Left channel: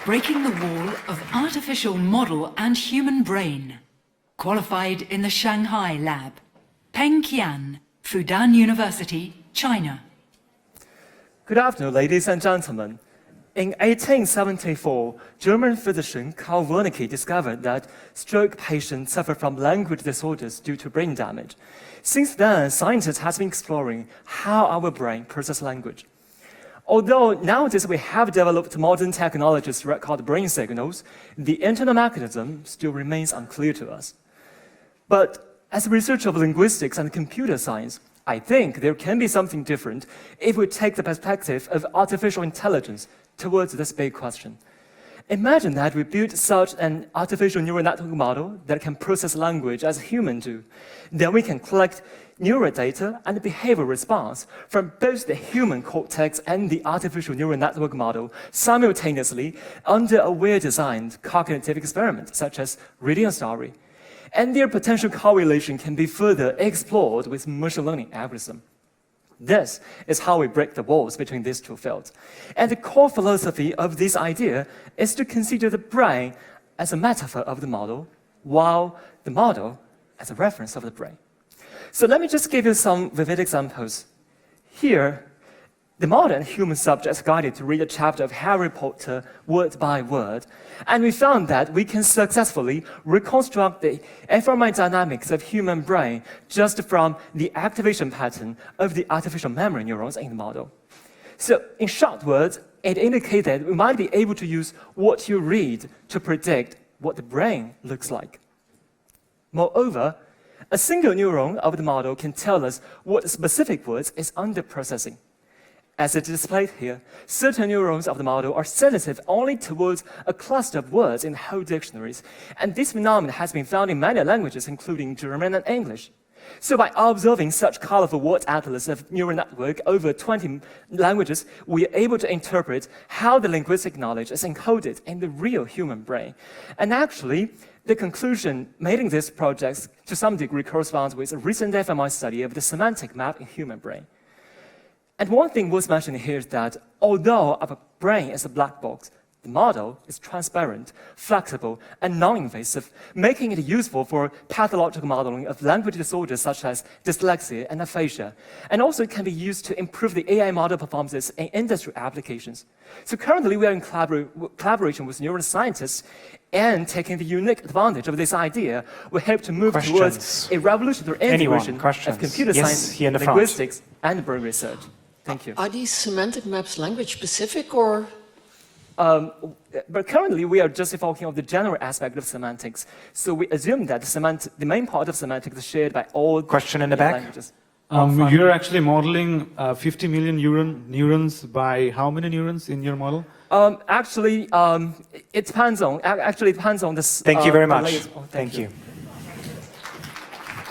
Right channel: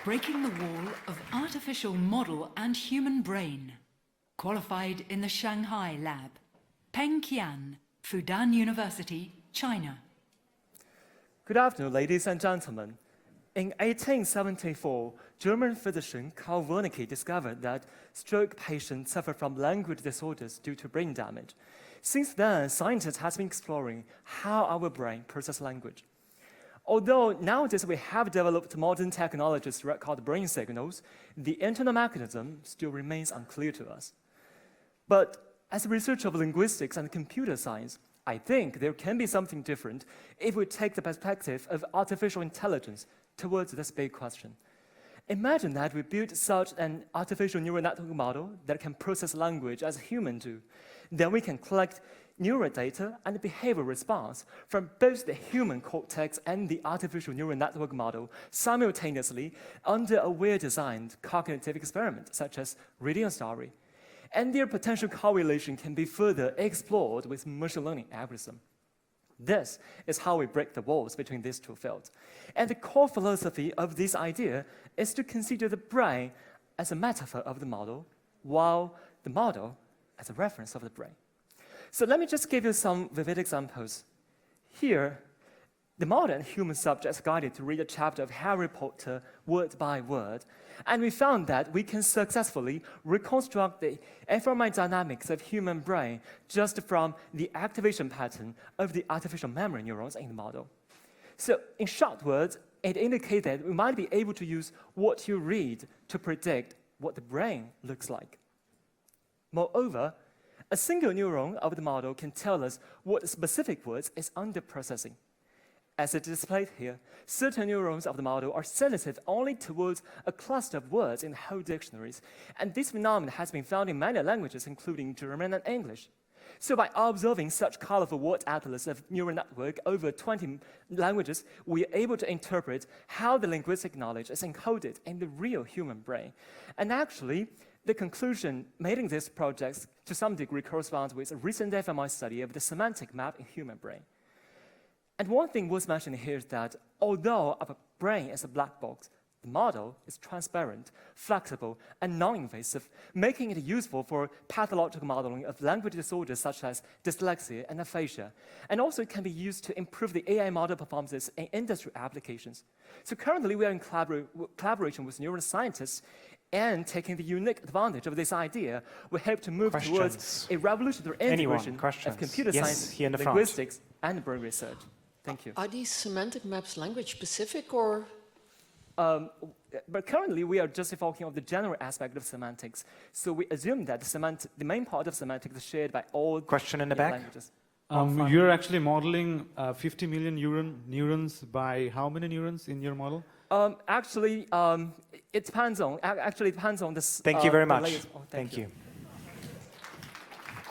breaking the wall of artificial model and human brain. Qualified in the Shanghai lab. Peng Qian, Fudan University, China. Good afternoon, ladies and gentlemen. In 1874, German physician Karl Wernicke discovered that stroke patients suffer from language disorders due to brain damage. Since then, scientists have been exploring how our brain processes language. Although nowadays we have developed modern technologies to record brain signals, the internal mechanism still remains unclear to us. But as a researcher of linguistics and computer science, I think there can be something different if we take the perspective of artificial intelligence towards this big question. Imagine that we build such an artificial neural network model that can process language as humans do. Then we can collect neural data and behavioral response from both the human cortex and the artificial neural network model simultaneously under a well-designed cognitive experiment, such as reading a story. And their potential correlation can be further explored with machine learning algorithm. This is how we break the walls between these two fields. And the core philosophy of this idea is to consider the brain as a metaphor of the model, while the model as a reference of the brain. So let me just give you some vivid examples. Here, the modern human subject is guided to read a chapter of Harry Potter word by word, and we found that we can successfully reconstruct the fMRI dynamics of human brain just from the activation pattern of the artificial memory neurons in the model. So in short words, it indicates that we might be able to use what you read to predict what the brain looks like. Moreover, a single neuron of the model can tell us what specific words is under processing. As it is displayed here, certain neurons of the model are sensitive only towards a cluster of words in whole dictionaries, and this phenomenon has been found in many languages, including German and English. So by observing such colorful word atlas of neural network over 20 languages, we are able to interpret how the linguistic knowledge is encoded in the real human brain. And actually, the conclusion made in this project to some degree corresponds with a recent fMRI study of the semantic map in human brain. And one thing worth mentioning here is that although our brain is a black box, the model is transparent, flexible, and non-invasive, making it useful for pathological modeling of language disorders such as dyslexia and aphasia. And also it can be used to improve the AI model performances in industry applications. So currently we are in collaboration with neuroscientists, and taking the unique advantage of this idea, we hope to move towards a revolutionary integration of computer science, linguistics, and brain research. Thank you. Are these semantic maps language specific or? But currently we are just focusing on the general aspect of semantics. So we assume that the main part of semantics is shared by all Question in the back. languages. You're actually modeling 50 million neurons by how many neurons in your model? Actually, it depends on the. Thank you very much. Thank you.